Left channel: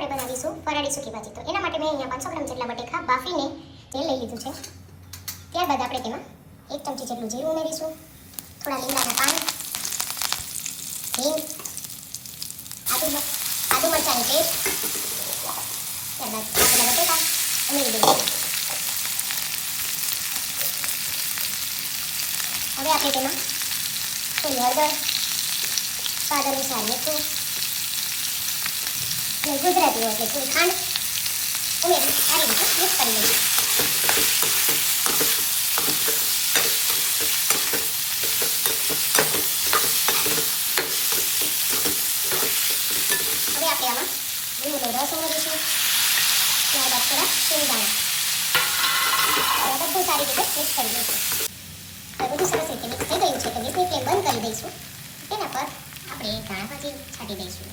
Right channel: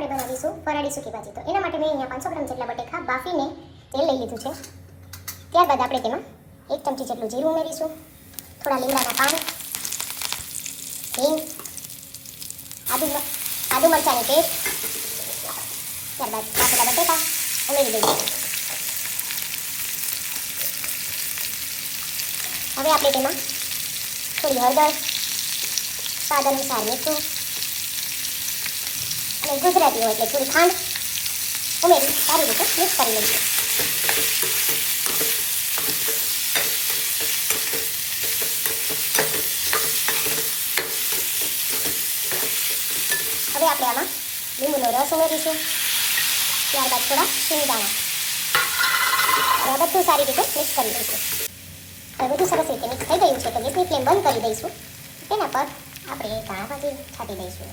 આપણે બનાવીશું ફરાળી સૂકી ભાજી. તો એના માટે મેં અહીંયા 500 ગ્રામ જેટલા બટેકા બાફીને તેલ લઈ લીધું છે. ત્યારબાદ આપણે તેમાં 1 ચમચી જેટલું જીરું ઉમેરીશું, થોડા લીમડાના પાન, હિંગ, આદુ મરચાંની પેસ્ટ, ત્યારબાદ આપણા બટેકા ઉમેરી દઈશું. હવે આપણે તેમાં થોડી હળદર, સ્વાદ અનુસાર મીઠું અને ગુજરાતી હોય એટલે થોડી ખાંડ ઉમેરી સારી રીતે મિક્સ કરી લઈશું. હવે આપણે આમાં લીંબુનો રસ ઉમેરીશું, ત્યારબાદ થોડા શેંગદાણા અને બધું સારી રીતે મિક્સ કરી દઈશું. બધું સરસ રીતે મિક્સ થઈ ગયું છે તો ગેસની ફ્લેમ બંધ કરી દઈશું. તેના પર આપણે ધાણા ભાજી છાંટી દઈશું.